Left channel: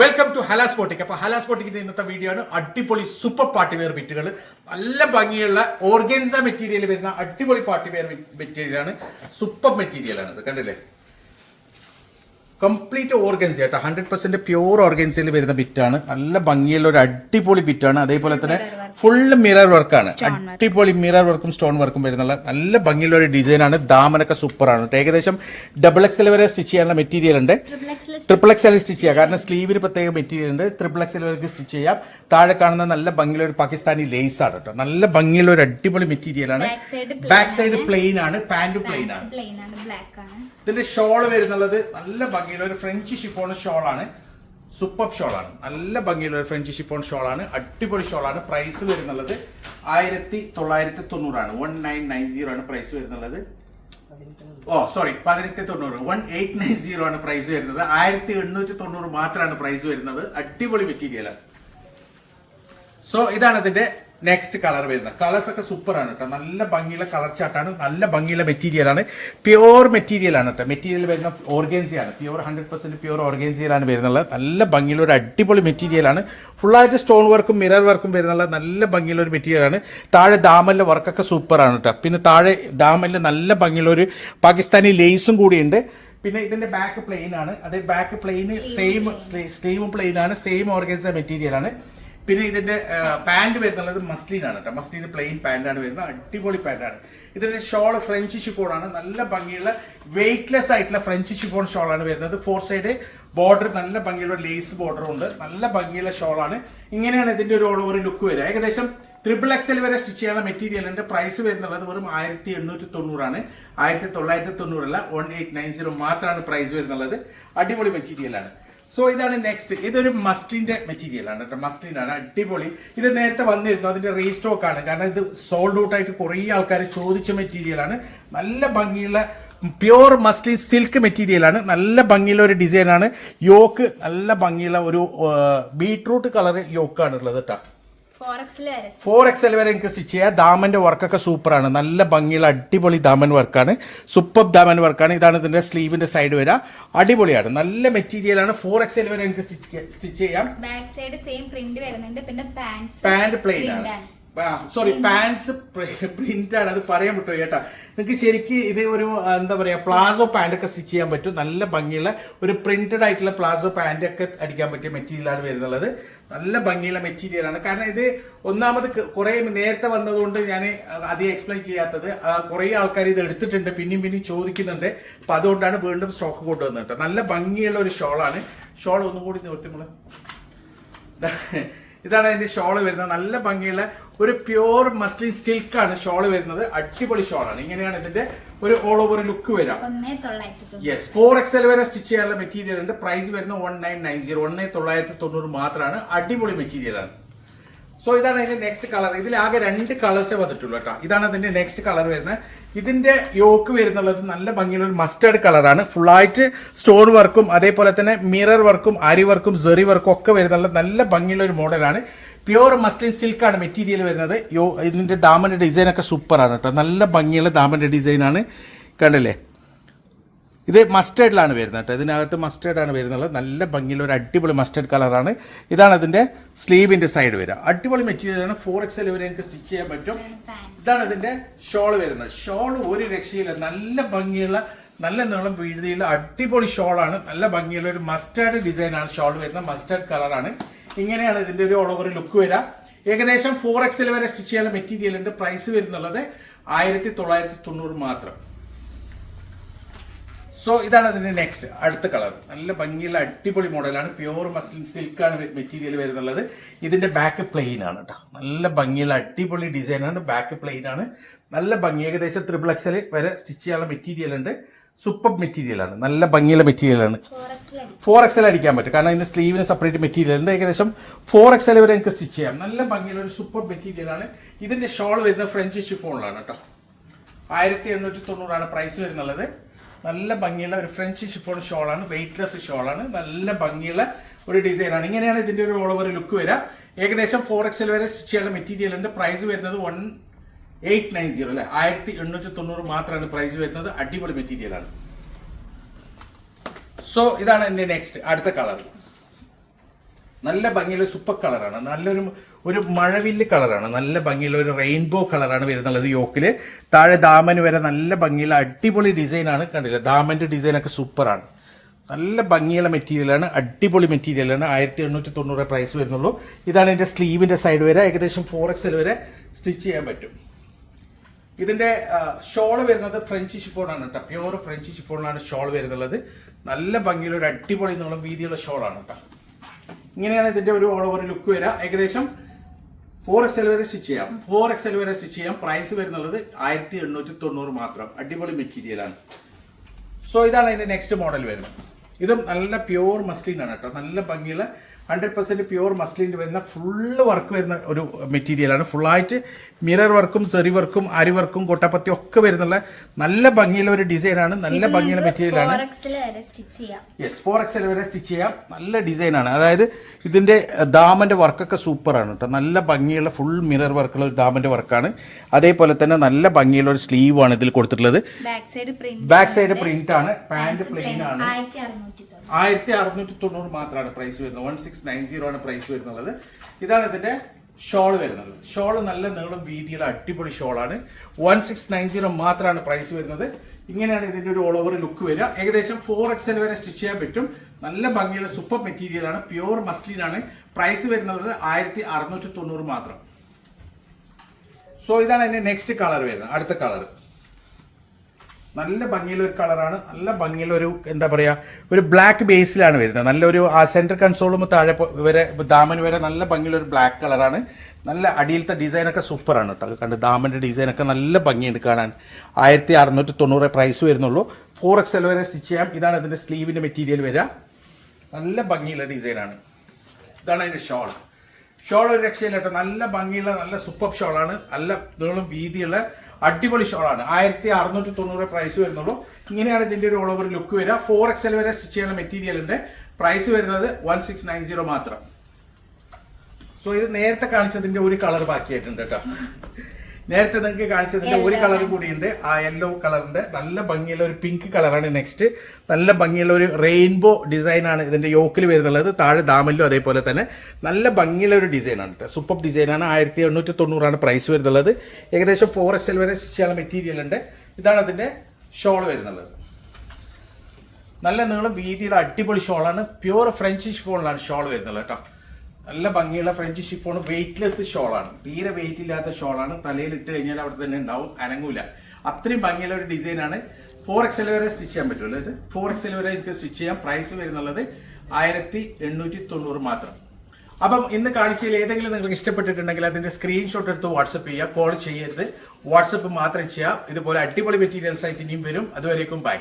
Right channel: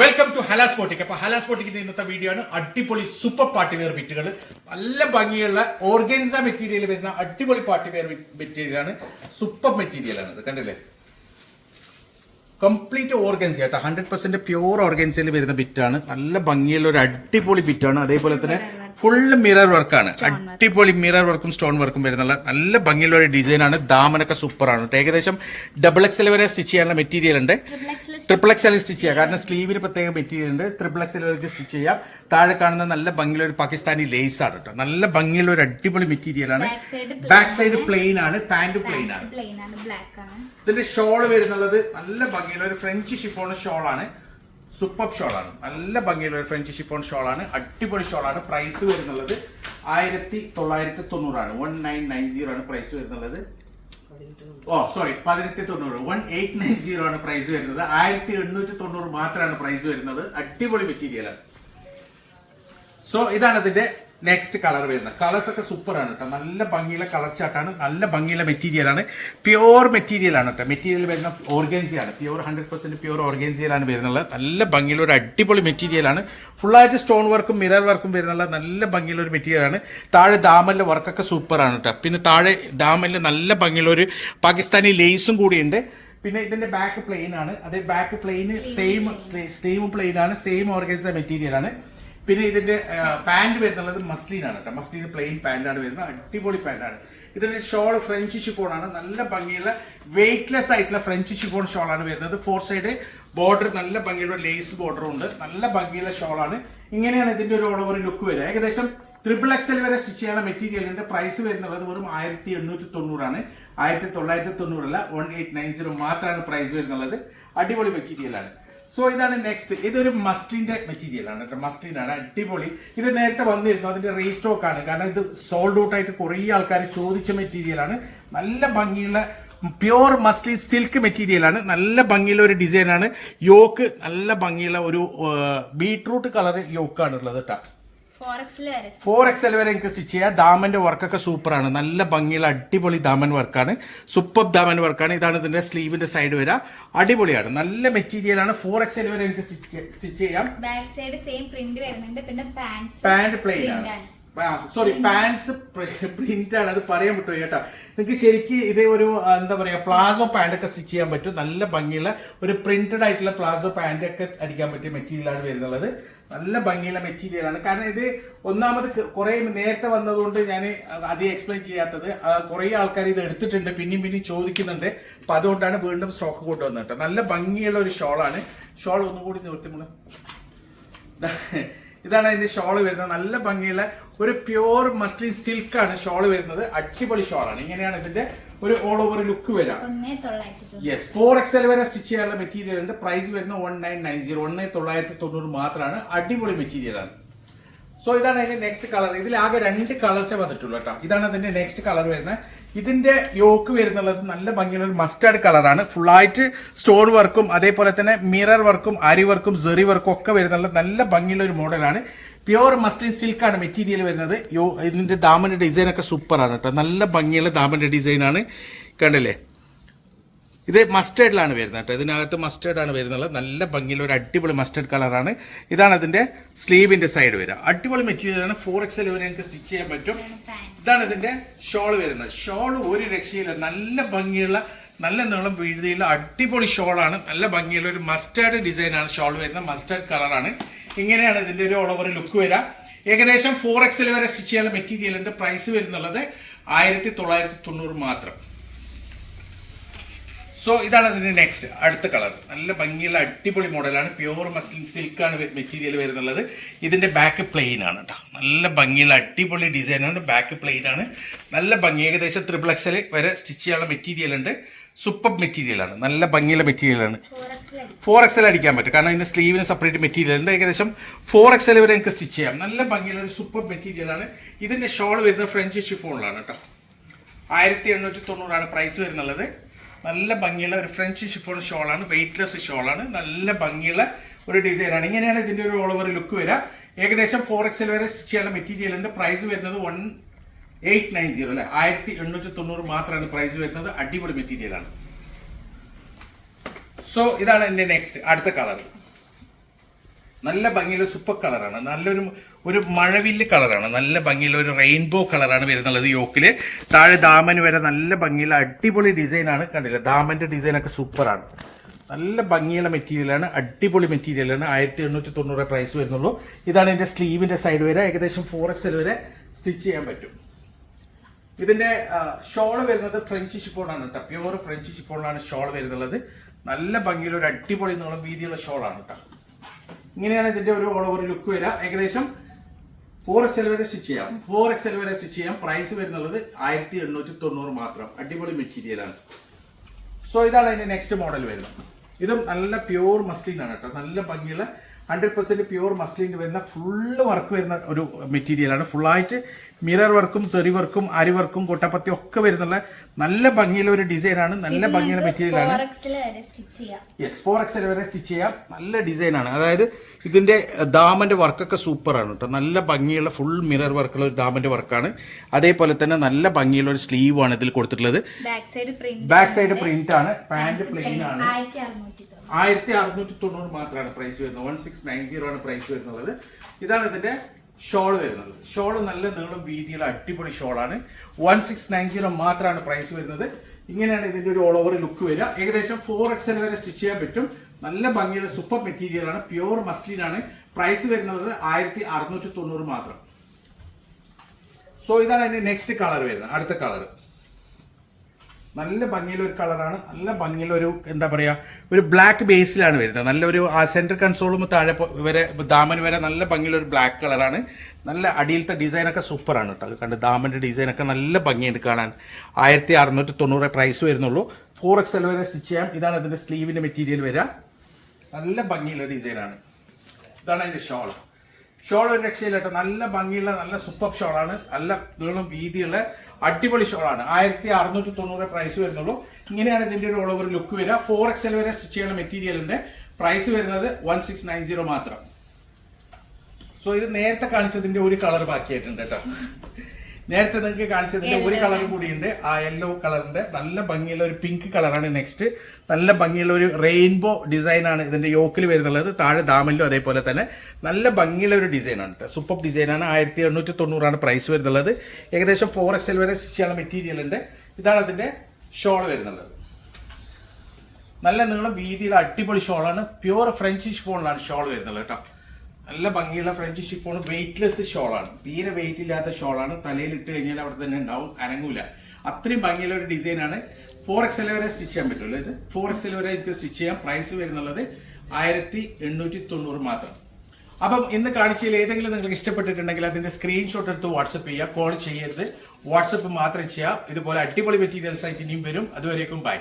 Welcome to ഹലാസ് പോട്ടിക് അപ്പൊ ഹലാസ്പോട്ടിക്കിന്റെ ഇന്നത്തെ video ആണ് അടിപൊളി സൂപ്പർ പാർട്ടി വെയർ ബിറ്റുകൾ നല്ല ഭംഗിയുള്ള ഓർഗൻസ മെറ്റീരിയൽ വരുന്ന അടിപൊളി പാർട്ടി വെയർ മെറ്റീരിയൽ ആണ്. സൂപ്പർ മെറ്റീരിയൽ ആണ്. കണ്ടില്ലേ? കംപ്ലീറ്റ് ഓർഗൻസ കേട്ടോ. ഹൺഡ്രഡ് പെർസെന്റ് പ്യൂർ ഓർഗൻസയിൽ വരുന്ന ബിറ്റാണ് നല്ല ഭംഗിയുള്ള ഒരു അടിപൊളി ബിറ്റാണ് അതേപോലെ തന്നെ ഫുള്ള് മിറർ വർക്കാണ് അടിപൊളി മിറർ വർക്കും സ്റ്റോൺ വർക്കും വരുന്നുള്ള നല്ല ഭംഗിയുള്ള ഒരു ഡിസൈനാണ് ദാമനൊക്കെ സൂപ്പറാണ് ഏകദേശം ഡബിൾ എക്സൽ വരെ സ്റ്റിച്ച് ചെയ്യാനുള്ള മെറ്റീരിയൽ ഉണ്ട്. ട്രിപ്പിൾ എക്സൽ സ്റ്റിച്ച് ചെയ്യാം. കാരണം സ്ലീവിന് പ്രത്യേക മെറ്റീരിയൽ ഉണ്ട്. ട്രിപ്പിൾ എക്സൽ വരെ സ്റ്റിച്ച് ചെയ്യാം. താഴെ കാണുന്ന നല്ല ഭംഗിയുള്ള ഒരു പാകിസ്ഥാനി ലേസ് ആണ് കേട്ടോ. നല്ല ഭംഗിയുള്ള ഒരു അടിപൊളി plain ബാക്ക് സൈഡ് പ്ലെയിൻ ആണ്. പാന്റ് പ്ലെയിൻ ആണ്. ഇതിന്റെ ഷോൾ വരുന്നുള്ളത് നല്ല ഭംഗിയുള്ള ഒരു ഫ്രഞ്ച് ഷിഫോൺ ഷോൾ ആണ്. സൂപ്പർ ഷോൾ ആണ്. നല്ല ഭംഗിയുള്ള ഒരു ഫ്രഞ്ച് ഷിഫോൺ ഷോൾ ആണ്. അടിപൊളി ഷോൾ ആണ്. പ്രൈസ് വരുന്നുള്ളത് ആയിരത്തി തൊള്ളായിരത്തി തൊണ്ണൂറാണ് വൺ നയൻ നയൻ സീറോ ആണ് പ്രൈസ് വരുന്നുള്ളത് ഓ സോറി പതിനെട്ട് തൊണ്ണൂറ്. വൺ എയ്റ്റ് നയൻ സീറോ ആണ് പ്രൈസ് വരുന്നത്. ആയിരത്തി എണ്ണൂറ്റി തൊണ്ണൂറ് മാത്രമാണ് പ്രൈസ് വരുന്നത്. അടിപൊളി മെറ്റീരിയൽ ആണ്. സോ ഇതാണ് ഇതിന്റെ നെക്സ്റ്റ് കളർ വരുന്നത്. കളേഴ്സ് ഒക്കെ സൂപ്പർ ആണ് കേട്ടോ നല്ല ഭംഗിയുള്ള കളർ ചാർട്ടാണ് നല്ല ഭംഗിയുള്ള മെറ്റീരിയലാണ് പ്യുവർ മെറ്റീരിയൽ ആണ് കേട്ടോ മെറ്റീരിയൽ വരുന്ന ഓർഗൻസിയാണ് പ്യുവർ ഹൺഡ്രഡ് പെർസെന്റ് പ്യുവർ ഓർഗൻസിയിലാണ് വരുന്നത്. നല്ല ഭംഗിയുള്ള ഒരു അടിപൊളി മെറ്റീരിയലാണ് ഫുള്ളായിട്ട് സ്റ്റോൺ വർക്കും മിറർ വർക്കും വരുന്നുള്ള നല്ല ഭംഗിയുള്ള ഒരു മെറ്റീരിയലാണ് താഴെ ദാമലിലെ വർക്കൊക്കെ സൂപ്പർ ആണ് കേട്ടോ പിന്നെ താഴെ ദാമലിൽ നല്ല ഭംഗിയുള്ള ഒരു പാകിസ്ഥാനി ലേസും കൂടിയുണ്ട് പിന്നെ ഇതിന്റെ ബാക്ക് പ്ലെയിൻ ആണ്. അത് back plain same sleeve plain ആണ്. സെയിം ഓർഗൻസ മെറ്റീരിയൽ ആണ്. പിന്നെ ഇതിന്റെ പാന്റ് വരുന്നുള്ളത് മസ്ലിൻ ആണ് കേട്ടോ. മസ്ലിൻ പ്ലെയിൻ പാന്റ് ആണ് വരുന്നത്. അടിപൊളി പാന്റ് ആണ്. ഇതിന്റെ ഷോൾ ഫ്രഞ്ച് ഷിഫോൺ ആണ്. നല്ല ഭംഗിയുള്ള വെയിറ്റ്ലെസ് ആയിട്ടുള്ള ഫ്രഞ്ച് ഷിഫോൺ ഷോൾ ആണ് വരുന്നത്. ഫോർ സൈഡ് ബോർഡർ നല്ല ഭംഗിയുള്ള ലേസ് ബോർഡർ ഉണ്ട്. നല്ല ഭംഗിയുള്ള ഷോൾ ആണ്. ഇങ്ങനെയാണ് ഇതിന്റെ ഒരു ഓൾ ഓവർ ലുക്ക് വരിക. ഏകദേശം ട്രിപ്പിൾ എക്സൽ വരെ സ്റ്റിച്ച് ചെയ്യാനുള്ള മെറ്റീരിയലിന്റെ പ്രൈസ് വരുന്നുള്ളത് വെറും ആയിരത്തി എണ്ണൂറ്റി തൊണ്ണൂറാണ് ആയിരത്തി തൊള്ളായിരത്തി തൊണ്ണൂറല്ല വൺ എയ്റ്റ് നയൻ സീറോ മാത്രമാണ് പ്രൈസ് വരുന്നുള്ളത്. അടിപൊളി മെറ്റീരിയലാണ് സോ ഇതാണ് നെക്സ്റ്റ് ഇതൊരു മസ്റ്റിന്റെ മെറ്റീരിയൽ ആണ് കേട്ടോ. മസ്റ്റിൻ ആണ്. അടിപൊളി. ഇത് നേരത്തെ വന്നിരുന്നു. അതിന്റെ റീസ്റ്റോക്ക് ആണ്. കാരണം ഇത് സോൾഡ് ഔട്ട് ആയിട്ട് കുറേ ആൾക്കാർ ചോദിച്ച മെറ്റീരിയൽ ആണ്. നല്ല ഭംഗിയുള്ള പ്യുവർ മസ്ലിൻ സിൽക്ക് മെറ്റീരിയൽ ആണ്. നല്ല ഭംഗിയുള്ള ഒരു ഡിസൈൻ ആണ്. യോക്ക് നല്ല ഭംഗിയുള്ള ഒരു ബീട്രൂട്ട് കളർ യോക്കാണ് ഉള്ളത് കേട്ടോ. ഫോർ എക്സൽ വരെ എനിക്ക് സ്റ്റിച്ച് ചെയ്യാം. ദാമന്റെ വർക്കൊക്കെ സൂപ്പറാണ്. നല്ല ഭംഗിയുള്ള അടിപൊളി ദാമൻ വർക്കാണ്. സൂപ്പർ ദാമൻ വർക്കാണ്. ഇതാണ് ഇതിന്റെ സ്ലീവിന്റെ സൈഡ് വരിക അടിപൊളിയാണ്. നല്ല മെറ്റീരിയൽ ആണ്. ഫോർ എക്സൽ വരെ എനിക്ക് സ്റ്റിച്ച് ചെയ്യാം. ബാക്ക് സൈഡ് സെയിം പ്രിന്റ് വരുന്നുണ്ട്. പിന്നെ പാൻസ് പാന്റ് പ്ലെയിൻ ആണ്. സോറി പാൻസ് പ്രിന്റ് ആണ്. അത് പറയാൻ പറ്റും ചേട്ടാ? നിങ്ങൾക്ക് ശരിക്കും ഇത് ഒരു എന്താ പറയാ പ്ലാസോ പാന്റ് ഒക്കെ സ്റ്റിച്ച് ചെയ്യാൻ പറ്റും. നല്ല ഭംഗിയുള്ള ഒരു പ്രിന്റഡ് ആയിട്ടുള്ള പ്ലാസോ പാന്റ് ഒക്കെ അടിക്കാൻ പറ്റിയ മെറ്റീരിയലാണ് വരുന്നത് നല്ല ഭംഗിയുള്ള മെറ്റീരിയലാണ് കാരണം ഇത് ഒന്നാമത് കുറെ നേരത്തെ വന്നതുകൊണ്ട് ഞാൻ അധികം എക്സ്പ്ലെയിൻ ചെയ്യാത്തത്. കുറെ ആൾക്കാർ ഇത് എടുത്തിട്ടുണ്ട് പിന്നെയും പിന്നെയും ചോദിക്കുന്നുണ്ട്. അപ്പൊ അതുകൊണ്ടാണ് വീണ്ടും സ്റ്റോക്ക് കൊണ്ടുവന്നിട്ട് നല്ല ഭംഗിയുള്ള ഒരു ഷോളാണ് ഷോൾ ഒന്നും കൂടി നിവർത്തി ഇതാണ് അതിന്റെ ഷോൾ വരുന്നത്. നല്ല ഭംഗിയുള്ള ഒരു പ്യൂർ മസ്ലിൻ സിൽക്ക് ആണ് ഷോൾ വരുന്നത്. അടിപൊളി ഷോളാണ് ഇങ്ങനെയാണ് ഇതിന്റെ ഒരു ഓൾ ഓവർ ലുക്ക് വരാം യെസ് ഫോർ എക്സൽ വരെ സ്റ്റിച്ച് ചെയ്യാനുള്ള മെറ്റീരിയൽ ഉണ്ട്. പ്രൈസ് വരുന്നത് വൺ നയൻ നയൻ സീറോ ഒന്നേ തൊള്ളായിരത്തി തൊണ്ണൂറ് മാത്രമാണ്. അടിപൊളി മെറ്റീരിയലാണ് സോ ഇതാണ് അതിന്റെ നെക്സ്റ്റ് കളർ ഇതിൽ ആകെ രണ്ട് കളേഴ്സേ വന്നിട്ടുള്ളൂ കേട്ടോ. ഇതാണ് അതിന്റെ നെക്സ്റ്റ് കളർ വരുന്നത്. ഇതിന്റെ യോക്ക് വരുന്നുള്ളത് നല്ല ഭംഗിയുള്ള ഒരു മസ്റ്റേർഡ് കളറാണ് ഫുള്ളായിട്ട് സ്റ്റോൺ വർക്കും അതേപോലെ തന്നെ മിറർ വർക്കും അരി വർക്കും സെറി വർക്കും ഒക്കെ വരുന്നുള്ള നല്ല ഭംഗിയുള്ള ഒരു മോഡലാണ് പ്യുവർ മസ്ലിൻ സിൽക്കാണ് മെറ്റീരിയൽ വരുന്നത്. യോ ഇതിന്റെ ദാമന്റെ ഡിസൈൻ ഒക്കെ സൂപ്പറാണ് കേട്ടോ നല്ല ഭംഗിയുള്ള ദാമന്റെ ഡിസൈനാണ് കണ്ടില്ലേ? ഇത് മസ്റ്റേർഡിലാണ് വരുന്നത് കേട്ടോ ഇതിനകത്ത് മസ്റ്റേർഡാണ് വരുന്നത്. നല്ല ഭംഗിയുള്ള ഒരു അടിപൊളി മസ്റ്റേർഡ് കളറാണ് ഇതാണ് അതിന്റെ സ്ലീവിന്റെ സൈഡ് വരിക. അടിപൊളി മെറ്റീരിയൽ ആണ്. ഫോർ എക്സൽ വരെ നിങ്ങൾക്ക് സ്റ്റിച്ച് ചെയ്യാൻ പറ്റും. ഇതാണ് ഇതിന്റെ ഷോൾ വരുന്നത്. ഷോൾ ഒരു രക്ഷയില്ല. നല്ല ഭംഗിയുള്ള നല്ല നീളം വീഴുതിയുള്ള അടിപൊളി ഷോളാണ്. നല്ല ഭംഗിയുള്ള ഒരു മസ്റ്റേർഡ് ആണ് ഷോൾ വരുന്നത്. മസ്റ്റേർഡ് കളറാണ് ഇങ്ങനെയാണ് ഇതിന്റെ ഒരു ഓൾ ഓവർ ലുക്ക് വരാം ഏകദേശം ഫോർ എക്സിൽ വരെ സ്റ്റിച്ച് ചെയ്യാനുള്ള മെറ്റീരിയലിന്റെ പ്രൈസ് വരുന്നുള്ളത് ആയിരത്തി തൊള്ളായിരത്തി തൊണ്ണൂറ് മാത്രം. സോ ഇതാണ് അതിന്റെ നെക്സ്റ്റ് അടുത്ത കളർ നല്ല ഭംഗിയുള്ള അടിപൊളി മോഡലാണ് പ്യുവർ മസ്ലിൻ സിൽക്ക് ആണ് മെറ്റീരിയൽ വരുന്നുള്ളത്. ഇതിന്റെ ബാക്ക് പ്ലെയിൻ ആണ് കേട്ടോ നല്ല ഭംഗിയുള്ള അടിപൊളി ഡിസൈൻ ആണ്. ബാക്ക് പ്ലെയിൻ ആണ്. നല്ല ഭംഗി. ഏകദേശം ത്രിബിൾ എക്സൽ വരെ സ്റ്റിച്ച് ചെയ്യാനുള്ള മെറ്റീരിയൽ ഉണ്ട്. സൂപ്പർ മെറ്റീരിയലാണ് നല്ല ഭംഗിയുള്ള മെറ്റീരിയലാണ് ഫോർ എക്സൽ അടിക്കാൻ പറ്റും. കാരണം അതിന്റെ സ്ലീവിന് സെപ്പറേറ്റ് മെറ്റീരിയൽ ഉണ്ട്. ഏകദേശം ഫോർ എക്സൽ വരെ എനിക്ക് സ്റ്റിച്ച് ചെയ്യാം. നല്ല ഭംഗിയുള്ള ഒരു സൂപ്പർ മെറ്റീരിയലാണ് ഇതിന്റെ ഷോൾ വരുന്നത് ഫ്രഞ്ച് ഷിഫോണിലാണ് കേട്ടോ ആയിരത്തി എണ്ണൂറ്റി തൊണ്ണൂറാണ് പ്രൈസ് വരുന്നുള്ളത്. നല്ല ഭംഗിയുള്ള ഒരു ഫ്രഞ്ച് ഷിഫോൺ ഷോളാണ് വെയിറ്റ്ലെസ് ഷോളാണ് നല്ല ഭംഗിയുള്ള ഒരു ഡിസൈനാണ് ഇങ്ങനെയാണ് ഇതിന്റെ ഒരു ഓൾ ഓവർ ലുക്ക് വരിക. ഏകദേശം ഫോർ എക്സൽ വരെ സ്റ്റിച്ച് ചെയ്യാനുള്ള മെറ്റീരിയൽ ഉണ്ട്. പ്രൈസ് വരുന്നത് വൺ എയ്റ്റ് നയൻ സീറോ അല്ലെ? ആയിരത്തി എണ്ണൂറ്റി തൊണ്ണൂറ് മാത്രമാണ് പ്രൈസ് വരുന്നത്. അടിപൊളി മെറ്റീരിയലാണ് സോ ഇതാണ് എന്റെ നെക്സ്റ്റ് അടുത്ത കളർ നല്ല ഭംഗിയുള്ള സൂപ്പർ കളറാണ് നല്ലൊരു ഒരു മഴവില്ല് കളറാണ് നല്ല ഭംഗിയുള്ള ഒരു റെയിൻബോ കളറാണ് വരുന്നുള്ളത് യോക്കിൽ താഴെ ദാമന് വരെ നല്ല ഭംഗിയുള്ള അടിപൊളി ഡിസൈനാണ് കണ്ടില്ല? ദാമന്റെ ഡിസൈനൊക്കെ സൂപ്പറാണ് നല്ല ഭംഗിയുള്ള മെറ്റീരിയലാണ് അടിപൊളി മെറ്റീരിയലാണ് ആയിരത്തി എണ്ണൂറ്റി തൊണ്ണൂറ് പ്രൈസ് വരുന്നുള്ളൂ. ഇതാണ് എന്റെ സ്ലീവിന്റെ സൈഡ് വരെ. ഏകദേശം ഫോർ എക്സൽ വരെ സ്റ്റിച്ച് ചെയ്യാൻ പറ്റും. ഇതിന്റെ ഷോൾ വരുന്നത് ഫ്രഞ്ച് ഷിഫോണാണ് കേട്ടോ പ്യുവർ ഫ്രഞ്ച് ഷിഫോണിലാണ് ഷോൾ വരുന്നുള്ളത്. നല്ല ഭംഗിയുള്ള ഒരു അടിപൊളി എന്നുള്ള വീതിയുള്ള ഷോളാണ് കേട്ടോ ഇങ്ങനെയാണ് ഇതിന്റെ ഒരു ഓൾ ഓവർ ലുക്ക് വരിക. ഏകദേശം ഫോർ എക്സ് എൽ വരെ സ്റ്റിച്ച് ചെയ്യാം. ഫോർ എക്സ് എൽ വരെ സ്റ്റിച്ച് ചെയ്യാം. പ്രൈസ് വരുന്നുള്ളത് ആയിരത്തി എണ്ണൂറ്റി തൊണ്ണൂറ് മാത്രം. അടിപൊളി മെറ്റീരിയലാണ് സോ ഇതാണ് അതിന്റെ നെക്സ്റ്റ് മോഡൽ വരുന്നത്. ഇതും നല്ല പ്യൂർ മസ്ലിൻ ആണ് കേട്ടോ. നല്ല ഭംഗിയുള്ള ഹൺഡ്രഡ് പെർസെന്റ് പ്യൂർ മസ്ലിൻ വരുന്ന ഫുള്ള് വർക്ക് വരുന്ന ഒരു മെറ്റീരിയലാണ് ഫുള്ളായിട്ട് മിറർ വർക്കും സെറി വർക്കും അരി വർക്കും കൊട്ടപ്പത്തി ഒക്കെ വരുന്നുള്ള നല്ല ഭംഗിയുള്ള ഒരു ഡിസൈനാണ് നല്ല ഭംഗിയുള്ള മെറ്റീരിയലാണ് യെസ് ഫോർ എക്സൽ വരെ സ്റ്റിച്ച് ചെയ്യാം. നല്ല ഡിസൈനാണ് അതായത് ഇതിന്റെ ദാമന്റെ വർക്കൊക്കെ സൂപ്പറാണ് കേട്ടോ നല്ല ഭംഗിയുള്ള ഫുൾ മിറർ വർക്കുള്ള ഒരു ദാമന്റെ വർക്കാണ് അതേപോലെ തന്നെ നല്ല ഭംഗിയുള്ള ഒരു സ്ലീവ് ആണ് ഇതിൽ കൊടുത്തിട്ടുള്ളത്. ബാക്ക് സൈഡ് പ്രിന്റ് ആണ്. പാന്റ് പ്ലെയിൻ ആണ്. ആയിരത്തി അറുന്നൂറ്റി തൊണ്ണൂറ് മാത്രമാണ് പ്രൈസ് വരുന്നത്. വൺ സിക്സ് നയൻ സീറോ ആണ് പ്രൈസ് വരുന്നത്. ഇതാണ് ഇതിന്റെ ഷോൾ വരുന്നത്. ഷോൾ നല്ല നീളം വീതിയുള്ള അടിപൊളി ഷോളാണ്. വൺ സിക്സ് നയൻ സീറോ മാത്രമാണ് പ്രൈസ് വരുന്നത്. ഇങ്ങനെയാണ് ഇതിന്റെ ഒരു ഓൾ ഓവർ ലുക്ക് വരിക. ഏകദേശം ഫോർ എക്സൽ വരെ സ്റ്റിച്ച് ചെയ്യാൻ പറ്റും. നല്ല ഭംഗിയുള്ള സൂപ്പർ പ്യൂർ മസ്ലിൻ ആണ്. പ്രൈസ് വരുന്നത് ആയിരത്തി അറുന്നൂറ്റി തൊണ്ണൂറ് മാത്രം. സോ ഇതാണ് അതിന്റെ നെക്സ്റ്റ് കളർ വരുന്നത്. അടുത്ത കളർ നല്ല ഭംഗിയുള്ള ഒരു കളറാണ്. നല്ല ഭംഗിയുള്ള ഒരു എന്താ പറയാ ഒരു ബ്ലാക്ക് ബേസിലാണ് വരുന്നത്. നല്ലൊരു ആ സെന്റർ കൺസോളും താഴെ വരെ ദാമൻ വരെ നല്ല ഭംഗിയുള്ള ഒരു ബ്ലാക്ക് കളറാണ്. നല്ല അടിയിലത്തെ ഡിസൈനൊക്കെ സൂപ്പറാണ് കേട്ടോ. കണ്ട് ദാമന്റെ ഡിസൈനൊക്കെ നല്ല ഭംഗിയുണ്ട് കാണാൻ. ആയിരത്തി അറുന്നൂറ്റി തൊണ്ണൂറ് പ്രൈസ് വരുന്നുള്ളൂ. ഫോർ എക്സ് എൽ വരെ സ്റ്റിച്ച് ചെയ്യാം. ഇതാണ് ഇതിന്റെ സ്ലീവിന്റെ മെറ്റീരിയൽ വരിക നല്ല ഭംഗിയുള്ള ഡിസൈനാണ് ഇതാണ് അതിന്റെ ഷോൾ ഷോൾ ഒരു രക്ഷയില്ല കേട്ടോ. നല്ല ഭംഗിയുള്ള നല്ല സൂപ്പർ ഷോളാണ് നല്ല നീളം വീതിയുള്ള അടിപൊളി ഷോളാണ് ആയിരത്തി അറുന്നൂറ്റി തൊണ്ണൂറ് പ്രൈസ് വരുന്നുള്ളൂ. ഇങ്ങനെയാണ് ഇതിന്റെ ഒരു ഓൾ ഓവർ ലുക്ക് വരിക. ഫോർ എക്സ് വരെ സ്റ്റിച്ച് ചെയ്യുന്ന മെറ്റീരിയലിന്റെ പ്രൈസ് വരുന്നത് വൺ സിക്സ് നയൻ സീറോ മാത്രം. സോ ഇത് നേരത്തെ കാണിച്ചതിന്റെ ഒരു കളർ ബാക്കിയായിട്ടുണ്ട് കേട്ടോ. നേരത്തെ നിങ്ങൾക്ക് കാണിച്ചതിന്റെ ഒരു കളർ. കൂടിയുണ്ട്. ആ യെല്ലോ കളറിന്റെ നല്ല ഭംഗിയുള്ള ഒരു പിങ്ക് കളറാണ് നെക്സ്റ്റ് നല്ല ഭംഗിയുള്ള ഒരു റെയിൻബോ ഡിസൈൻ ആണ് ഇതിന്റെ യോക്കിൽ വരുന്നുള്ളത്. താഴെ ദാമലിലും അതേപോലെ തന്നെ നല്ല ഭംഗിയുള്ള ഒരു ഡിസൈൻ ആണ് കേട്ടോ സൂപ്പർ ഡിസൈൻ ആണ്. ആയിരത്തി എണ്ണൂറ്റി തൊണ്ണൂറാണ് പ്രൈസ് വരുന്നുള്ളത്. ഏകദേശം ഫോർ എക്സ് എൽ വരെ ശിക്ഷയാണ് മെറ്റീരിയൽ ഉണ്ട്. ഇതാണ് അതിന്റെ ഷോൾ വരുന്നുള്ളത്. നല്ല നീളം വീതിയുള്ള അടിപൊളി ഷോളാണ് പ്യുവർ ഫ്രഞ്ച് ഷോളിലാണ് ഷോൾ വരുന്നത് കേട്ടോ നല്ല ഭംഗിയുള്ള ഫ്രഞ്ച് ഷിഫോൺ വെയിറ്റ്ലെസ് ഷോളാണ് തീരെ വെയിറ്റ് ഇല്ലാത്ത ഷോളാണ് തലയിൽ ഇട്ട് കഴിഞ്ഞാൽ അവിടെ തന്നെ ഉണ്ടാവും. അനങ്ങൂല. അത്രയും ഭംഗിയുള്ള ഒരു ഡിസൈനാണ് ഫോർ എക്സ് വരെ സ്റ്റിച്ച് ചെയ്യാൻ പറ്റുള്ളൂ. ഇത് ഫോർ എക്സ് വരെ എനിക്ക് സ്റ്റിച്ച് ചെയ്യാം. പ്രൈസ് വരുന്നുള്ളത് ആയിരത്തി എണ്ണൂറ്റി തൊണ്ണൂറ് മാത്രം. അപ്പം ഇന്ന് കാണിച്ചതിൽ ഏതെങ്കിലും നിങ്ങൾക്ക് ഇഷ്ടപ്പെട്ടിട്ടുണ്ടെങ്കിൽ അതിന്റെ സ്ക്രീൻഷോട്ട് എടുത്ത് വാട്സപ്പ് ചെയ്യുക. കോൾ ചെയ്യരുത്. വാട്സപ്പ് മാത്രം ചെയ്യാം ഇതുപോലെ അടിപൊളി മെറ്റീരിയൽസ് ആയിട്ട് ഇനിയും വരും. അതുവരേക്കും ബൈ